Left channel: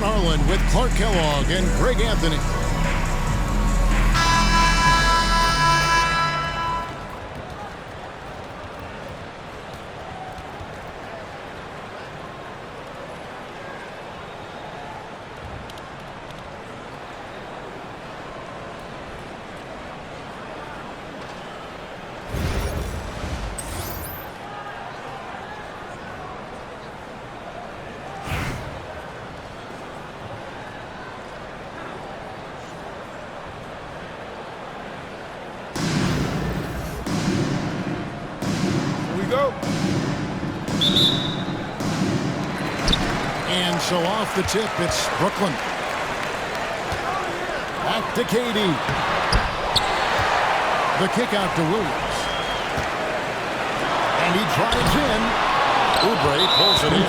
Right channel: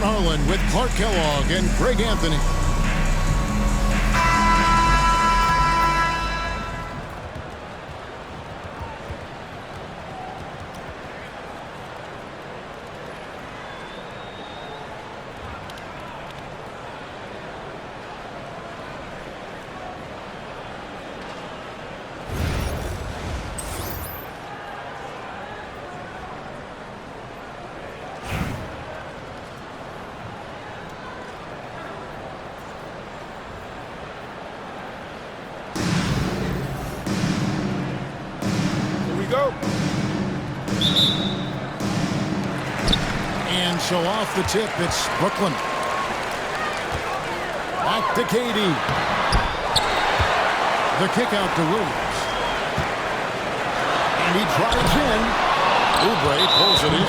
Kevin Harlan with Clark Kellogg and Greg Anthony. Go. And so off the tip, it's Brooklyn. Back to Katie. The kick out to Williams. And he drives in. Oubre pulls it in.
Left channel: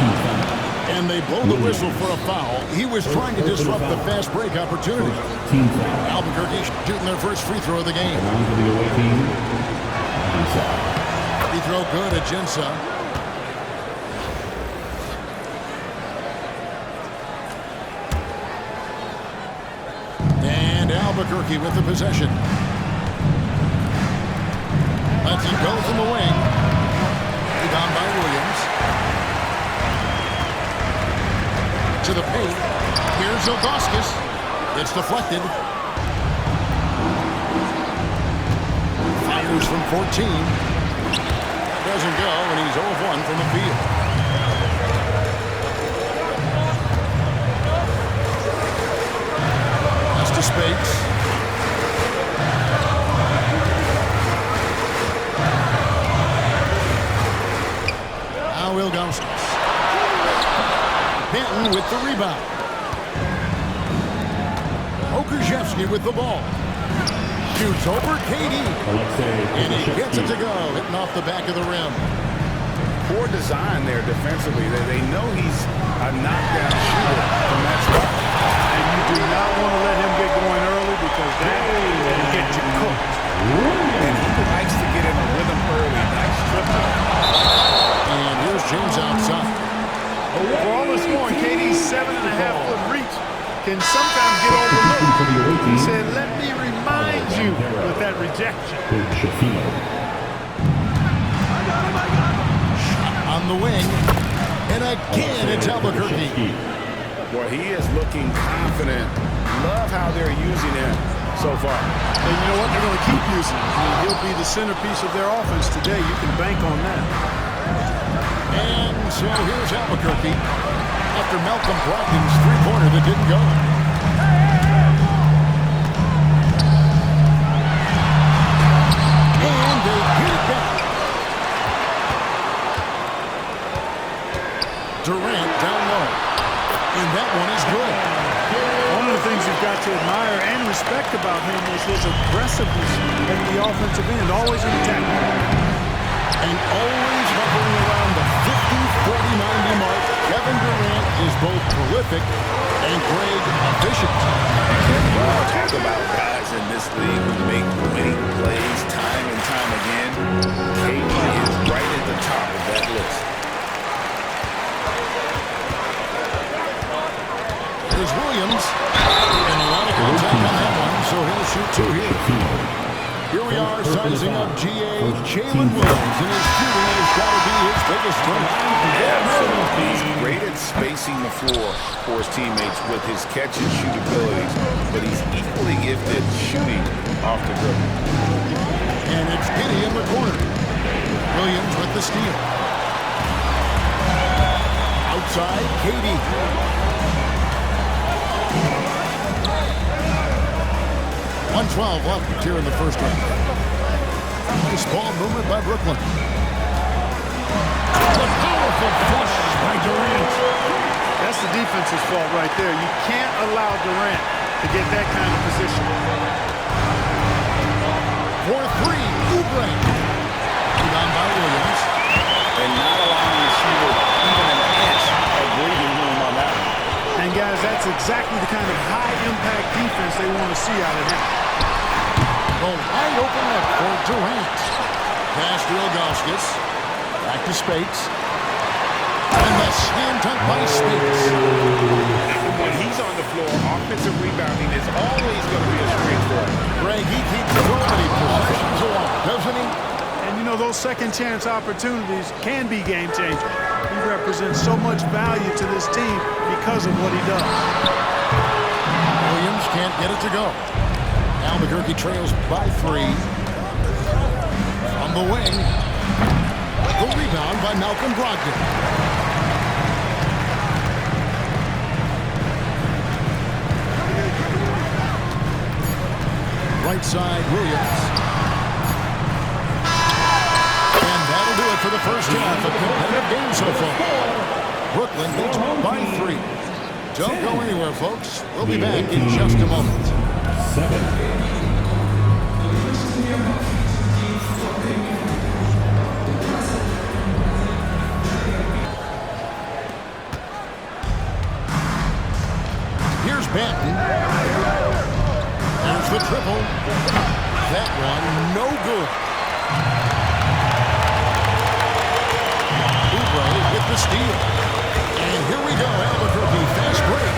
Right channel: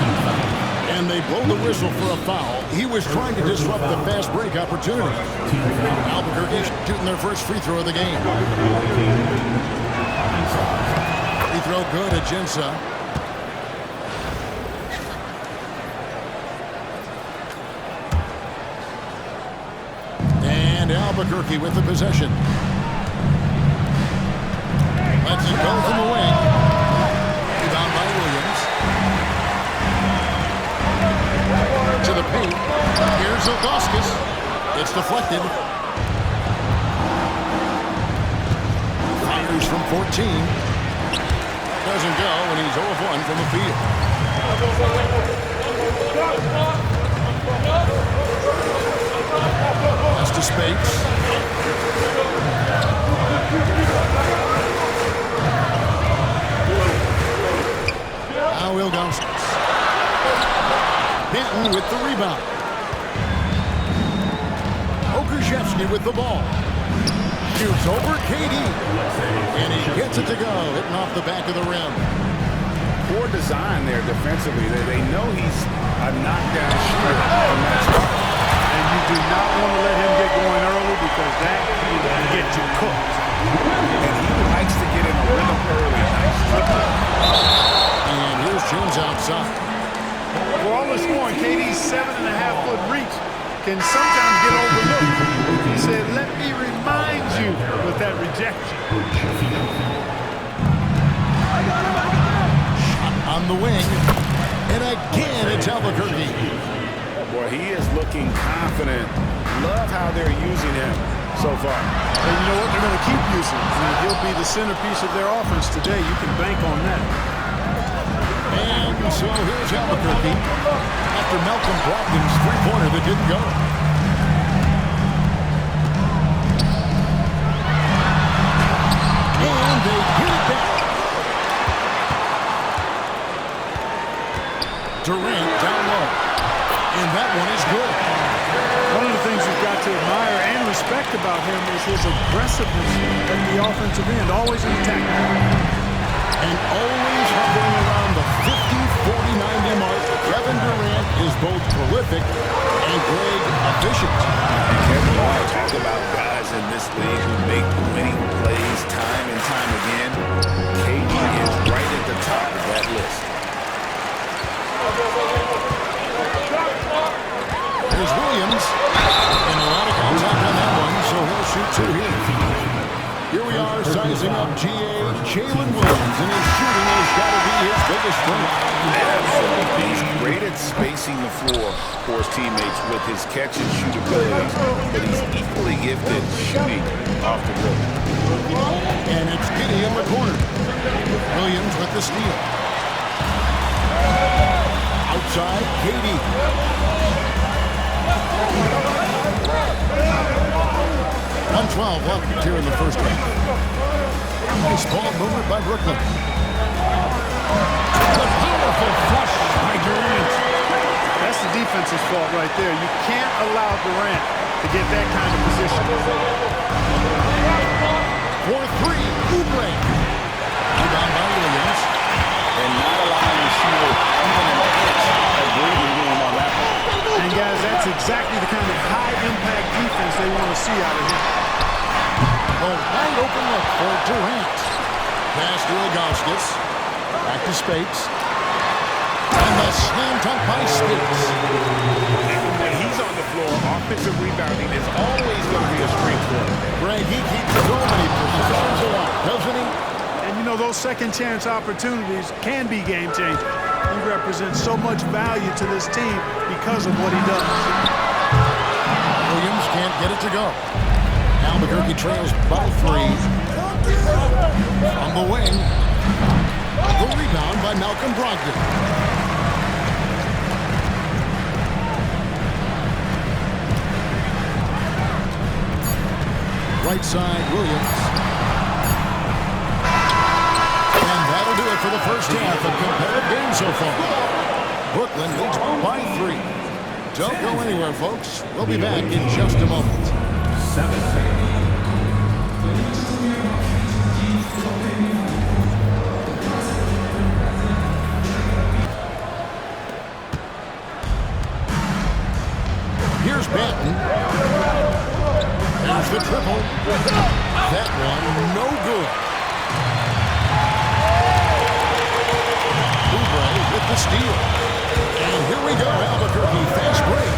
And they blow the whistle for a foul. He was trying to disrupt the fast break opportunity. Albuquerque shooting their first free throw of the game. Free throw good at Jinsa. And Albuquerque with the possession. Lets it go from the wing. Rebound by Williams. To the paint. Here's Ilgauskas. It's deflected. Fires from 14. Doesn't go, and he's 0 of 1 from the field. That's to Spates. Now Ilgauskas. Benton with the rebound. Okrzewski with the ball. Shoots over Katie. And he gets it to go, hitting off the back of the rim. Poor design there defensively. They know he's a knockdown shooter from that spot. And you do not want to let him get going early because that will get you cooked. And he likes to get in a rhythm early. Nice triple. And here's James outside. For all the scoring, Katie's 7.5-foot reach can sometimes get overlooked. He said, let me remind you with that rejection. I got him. Shot on the wing. And again, it's Albuquerque. Boy, he is looking confident. Love how they're using him so far. And you know what? They're going to keep using him. I mean, he'll be the centerpiece of their offense today. You can bank on that. And so here's Albuquerque after Malcolm Brogdon's three-pointer that didn't go. And they get it back. Durant down low. And that one is good. One of the things you've got to admire and respect about him is his aggressiveness at the offensive end, always in attack. And always hovering around the 50, 40, 90 mark. Kevin Durant is both prolific and Greg efficient. Kevin, you want to talk about guys in this league who make winning plays time and time again? KD is right at the top of that list. There's Williams. And a lot of contact on that one, so he'll shoot two here. Here we are sizing up GA Jalen Williams, and his shooting has got to be his biggest strength. Absolutely. He's great at spacing the floor for his teammates with his catch-and-shoot abilities, but he's equally gifted shooting off the dribble. And it's Giddey in the corner. Williams with the steal. Outside, Katie. 1:12 left here in the first half. Nice ball movement by Brooklyn. The powerful flush by Durant. That's the defense's fault right there. You can't allow Durant to get that kind of position. For three, Oubre. Rebound by Williams. And not allowing the shooter even an inch of breathing room on that one. And guys, that's exactly the kind of high-impact defense they want to see out of him. The wide open look for Durant. Pass to Ilgauskas. Back to Spates. And the slam dunk by Spates. And when he offensive rebounding is always going to be a strength for him. Greg, he keeps so many possessions alive, doesn't he? And you know, those second chance opportunities can be game changers. He represents so much value to this team because of what he does. Williams can't get it to go. Albuquerque trails by 3. From the wing. The rebound by Malcolm Brogdon. Right side, Williams. And that'll do it for the first half. A competitive game so far. Brooklyn leads by 3. Don't go anywhere, folks. We'll be back in just a moment. 7. Here's Banton. There's the triple. That one, no good. Oubre with the steal. And here we go, Albuquerque, fast break.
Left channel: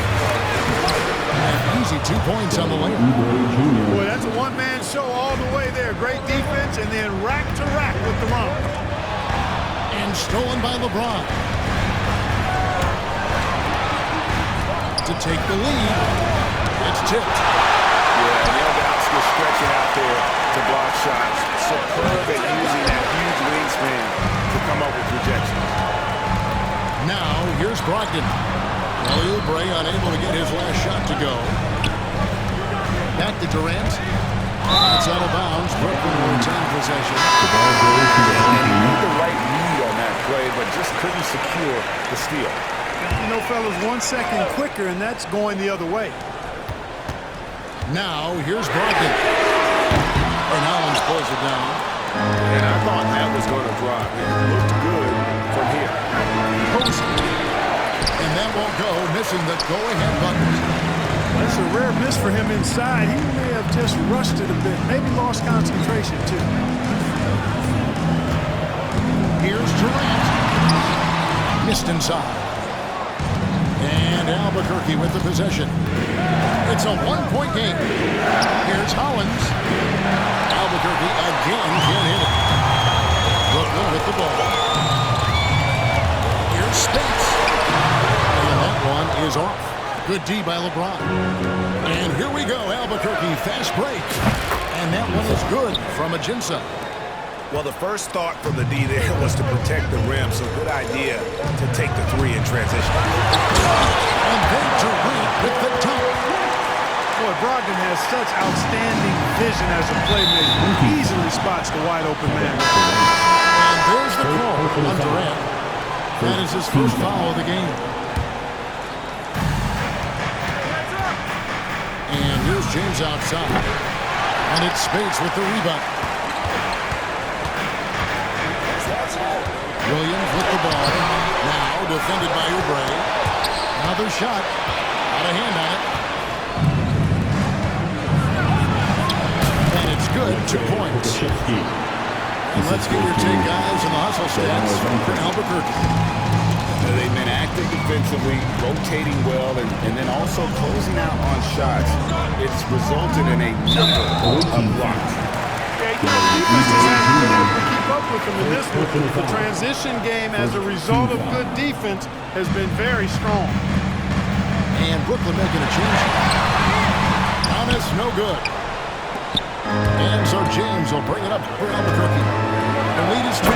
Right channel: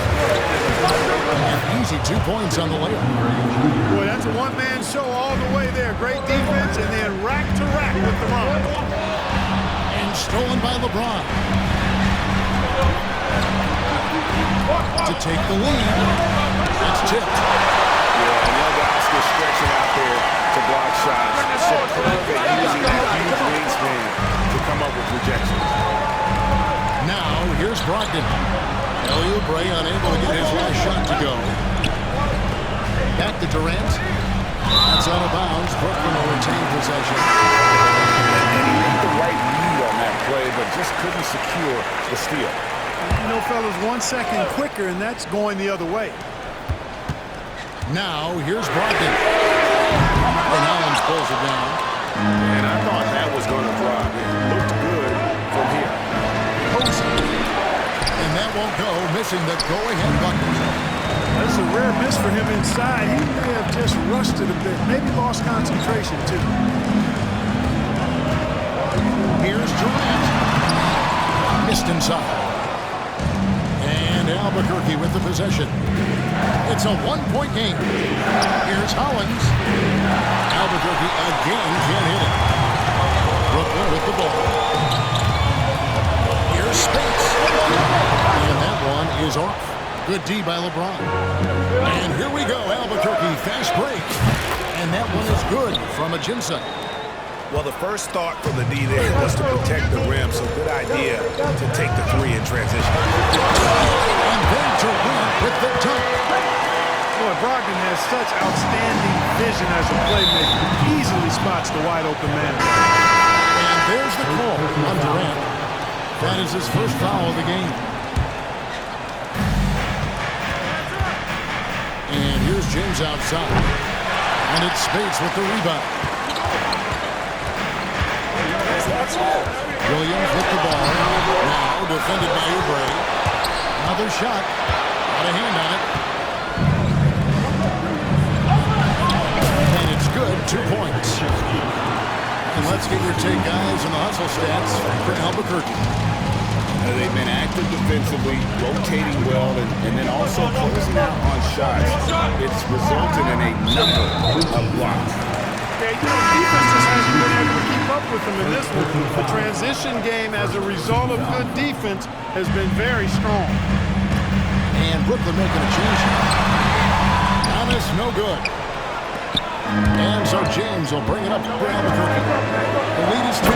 An easy 2 points on the layup. Boy, that's a one-man show all the way there. Great defense, and then rack to rack with the run. And stolen by LeBron. To take the lead. It's tipped. Yeah, and Ilgauskas stretching out there to block shots. Superb at using that huge wingspan to come up with rejections. Now, here's Brogdon. Kelly Oubre unable to get his last shot to go. Back to Durant. That's out of bounds. Brooklyn will retain possession. And he made the right read on that play, but just couldn't secure the steal. You know, fellas, 1 second quicker, and that's going the other way. Now, here's Brogdon. And Hollins pulls it down. And I thought that was going to drop. It looked good from here. Posey. And that won't go, missing the go-ahead bucket. That's a rare miss for him inside. He may have just rushed it a bit, maybe lost concentration, too. Here's Durant. Missed inside. And Albuquerque with the possession. It's a 1-point game. Here's Hollins. Albuquerque again can't hit it. Brooklyn with the ball. Here's Spates. And that one is off. Good D by LeBron. And here we go, Albuquerque, fast break. And that one is good from Ajinça. Well, the first thought from the D there was to protect the rim, so good idea to take the 3 in transition. And then Durant with the dunk. Boy, Brogdon has such outstanding vision as a playmaker. He easily spots the wide-open man. And there's the call on Durant. That is his first foul of the game. And here's James outside. And it's Spates with the rebound. Williams with the ball. Now defended by Oubre. Another shot. Out of hand on it. And it's good. 2 points. And let's get your take, guys, on the hustle stats for Albuquerque. They've been active defensively, rotating well, and then also closing out on shots. It's resulted in a number of blocks. Yeah, you know, defense just hasn't been able to keep up with them in this one. The transition game, as a result of good defense, has been very strong. And Brooklyn making a change here. Thomas, no good. And so James will bring it up for Albuquerque. The lead is 2.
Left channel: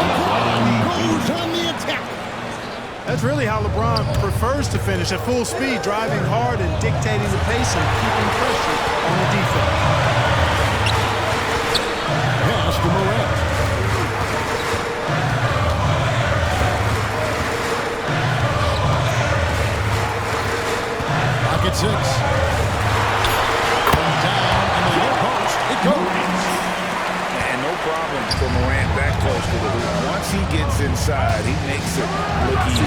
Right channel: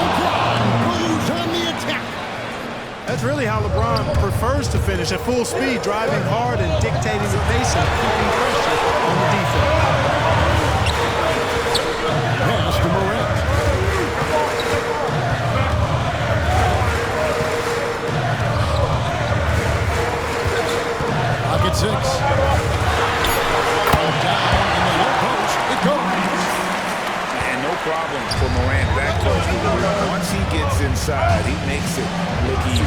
LeBron goes on the attack. That's really how LeBron prefers to finish, at full speed, driving hard and dictating the pace and keeping pressure on the defense. Pass to Morant. Pocket 6. From down in the low post, it goes. And no problem for Morant that close to the rim. Once he gets inside, he makes it look easy.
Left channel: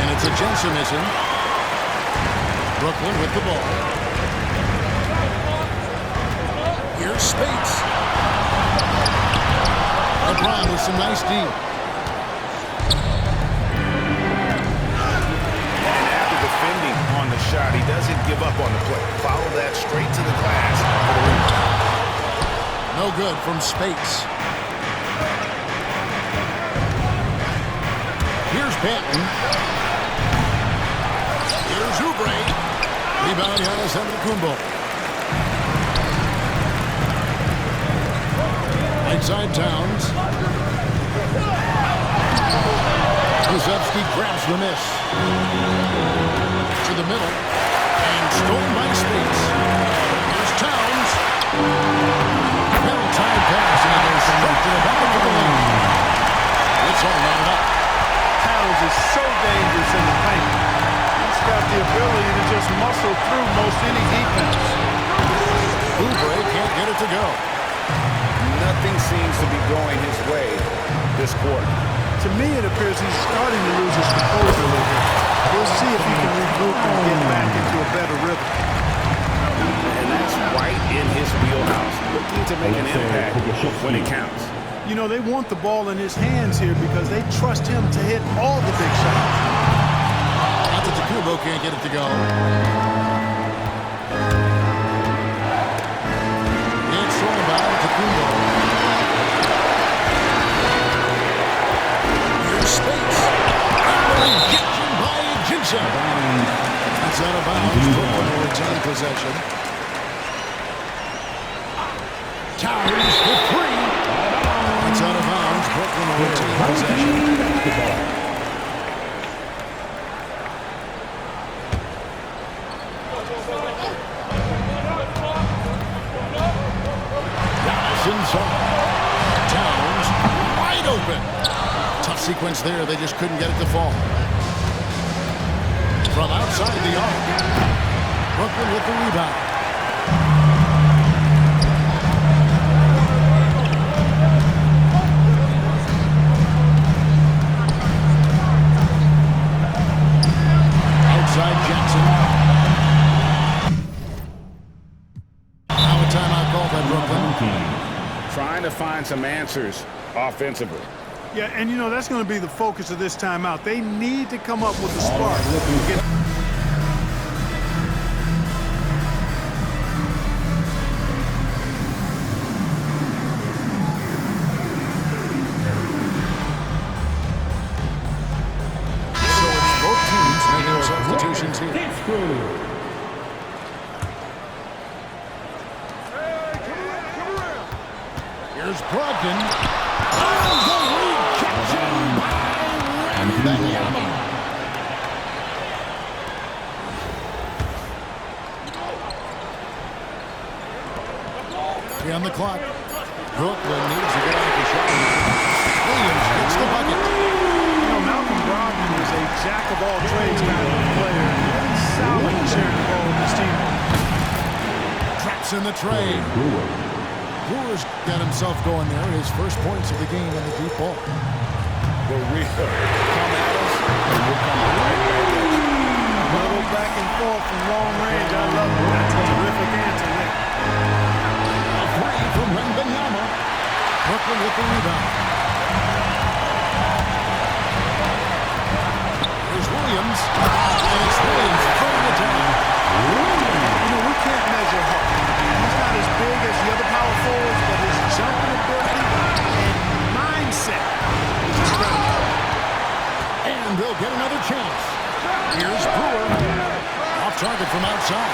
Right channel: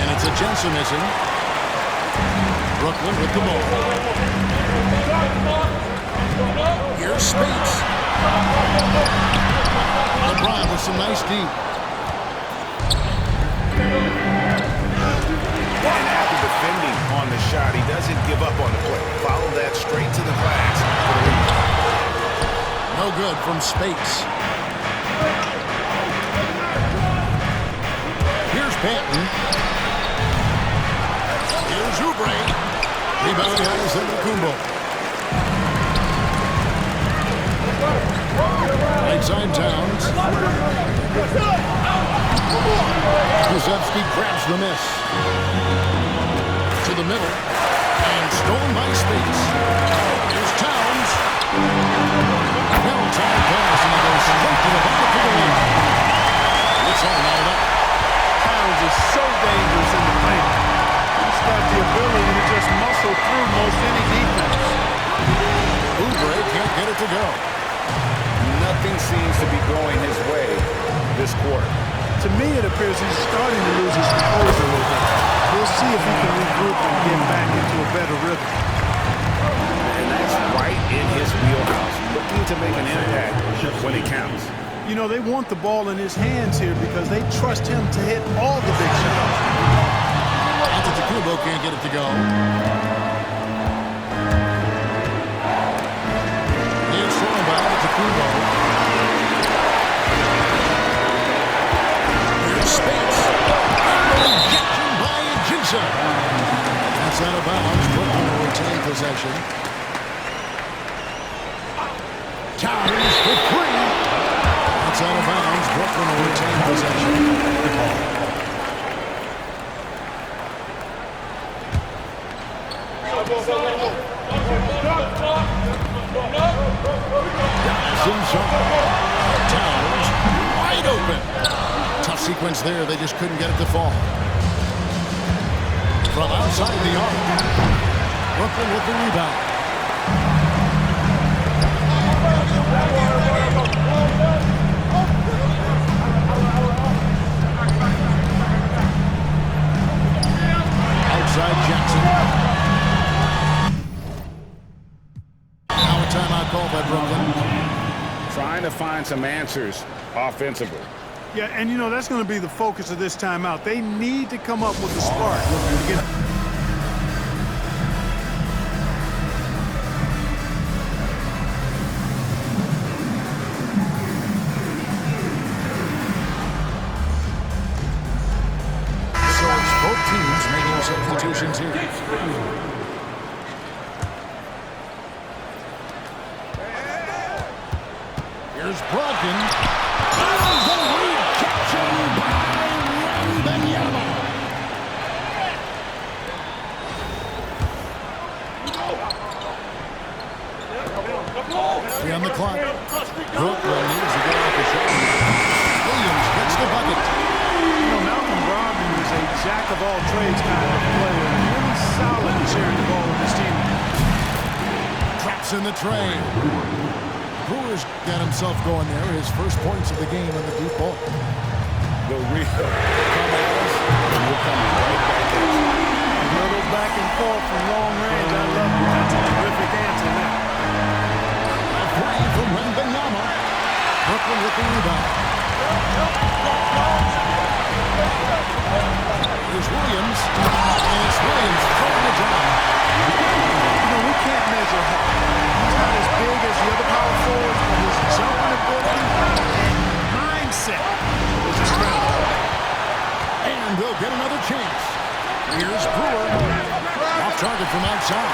And it's Ajinça missing. Brooklyn with the ball. Here's Spates. LeBron with some nice D. And after defending on the shot. He doesn't give up on the play. Follow that straight to the glass for the rebound. No good from Spates. Here's Banton. Here's Oubre. Rebound Giannis Antetokounmpo. Right side Towns. Kuszewski grabs the miss. To the middle. And stolen by Spates. Here's Towns. Well-timed pass, and he goes straight to the bucket for the lead. It's all knotted up. Towns is so dangerous in the paint. He's got the ability to just muscle through most any defense. Oubre can't get it to go. Nothing seems to be going his way this quarter. To me, it appears he's starting to lose his composure a little bit. He'll see if he can regroup and get back into a better rhythm. And that's right in his wheelhouse, looking to make an impact when it counts. You know, they want the ball in his hands here because they trust him to hit all the big shots. Antetokounmpo can't get it to go. It's stolen by Antetokounmpo. Here's Spates. And the rejection by Jinsa. That's out of bounds. Brooklyn will retain possession. Towns for three. That's out of bounds. Brooklyn will retain possession. Giannis inside. Towns wide open. Tough sequence there. They just couldn't get it to fall. From outside the arc. Brooklyn with the rebound. Outside Jackson. Now a timeout called by Brooklyn. Trying to find some answers offensively. Yeah, and you know, that's going to be the focus of this timeout. They need to come up with a spark. So it's both teams making substitutions here. Here's Brogdon. And the rejection by Wembanyama. Three on the clock. Brooklyn needs to get off the shot. Williams gets the bucket. You know, Malcolm Brogdon is a jack-of-all-trades kind of player and really solid in sharing the ball with his teammates. Traps in the tray. Brewer's got himself going there. His first points of the game on the deep ball. The real come at us, and we're coming right back at you. A little back and forth from long range. I love it. That's a terrific answer there. A three from Wembanyama. Brooklyn with the rebound. Here's Williams. And it's Williams throwing it down. You know, we can't measure Hart. I mean, he's not as big as the other power forwards, but his jumping ability and mindset is incredible. And they'll get another chance. Here's Brewer. Off target from outside.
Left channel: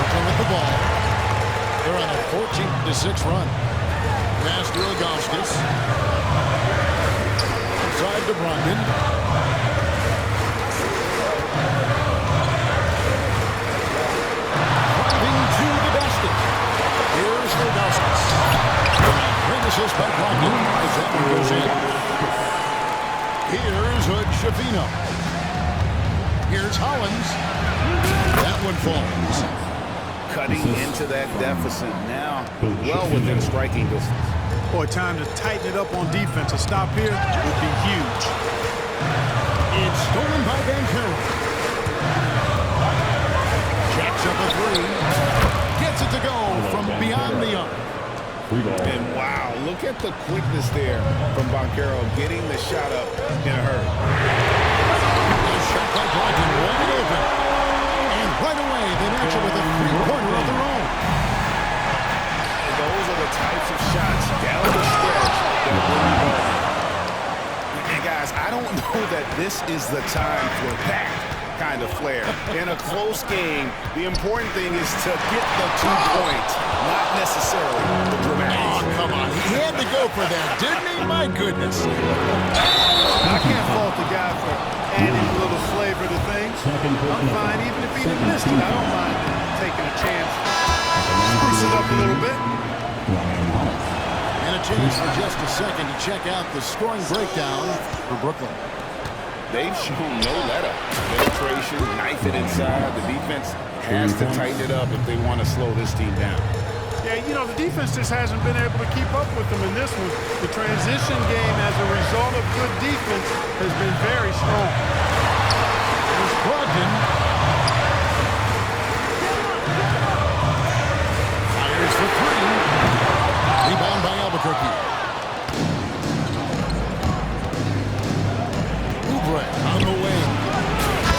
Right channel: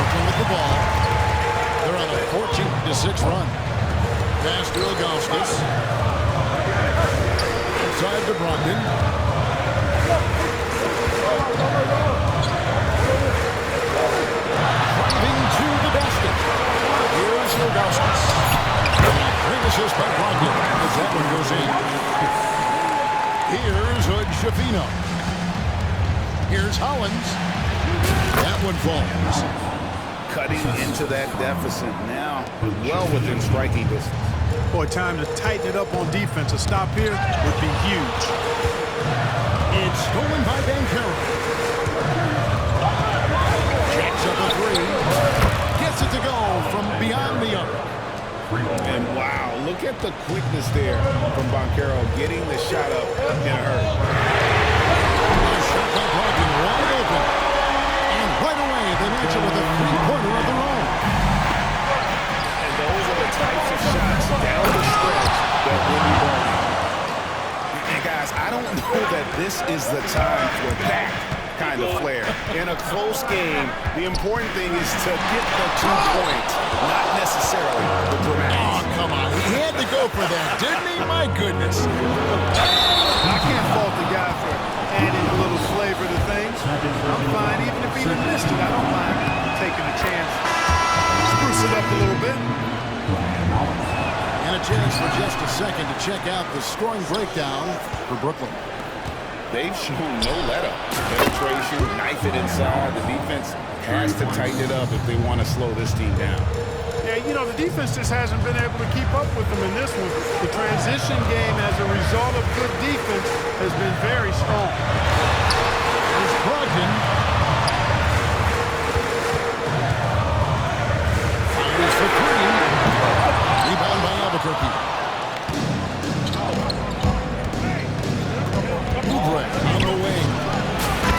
Brooklyn with the ball. They're on a 14-6 run. Pass to Ilgauskas. Outside to Brogdon. Driving to the basket. Here's Ilgauskas. And a great assist by Brogdon as that one goes in. Here's Hood Schifino. Here's Hollins. That one falls. Cutting into that deficit now, well within striking distance. Boy, time to tighten it up on defense. A stop here would be huge. It's stolen by Banchero. Jacks up a three. Gets it to go from beyond the arc. And wow, look at the quickness there from Banchero getting the shot up in a hurry. A shot by Brogdon wide open. right away. They match it with a three-pointer of their own. And those are the types of shots down the stretch that win you ball games. And guys, I don't know that this is the time for that kind of flair. In a close game, the important thing is to get the 2 points, not necessarily the dramatics. Oh, come on. He had to go for that, didn't he? My goodness. I can't fault the guy for adding a little flavor to things. I'm fine even if he missed it. I don't mind taking a chance. Spruce it up a little bit. And a chance for just a second to check out the scoring breakdown for Brooklyn. They've shown no let-up. Penetration, knife it inside. The defense has to tighten it up if they want to slow this team down. Yeah, you know, the defense just hasn't been able to keep up with them in this one. The transition game as a result of good defense has been very strong. There's Brogdon. Fires for three. Rebound by Albuquerque. On the wing.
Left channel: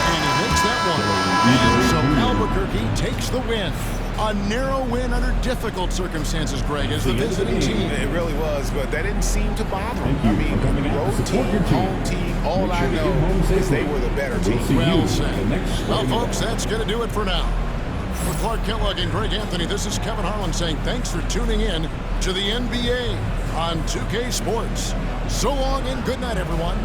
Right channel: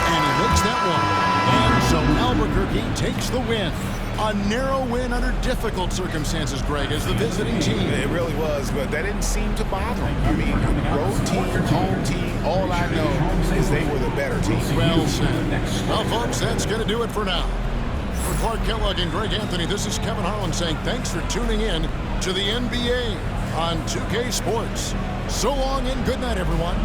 And he makes that one. And so Albuquerque takes the win. A narrow win under difficult circumstances, Greg, as the visiting team. It really was, but that didn't seem to bother him. I mean, road team, home team, all I know is they were the better team. Well said. Well, folks, that's going to do it for now. For Clark Kellogg and Greg Anthony, this is Kevin Harlan saying thanks for tuning in to the NBA on 2K Sports. So long and good night, everyone.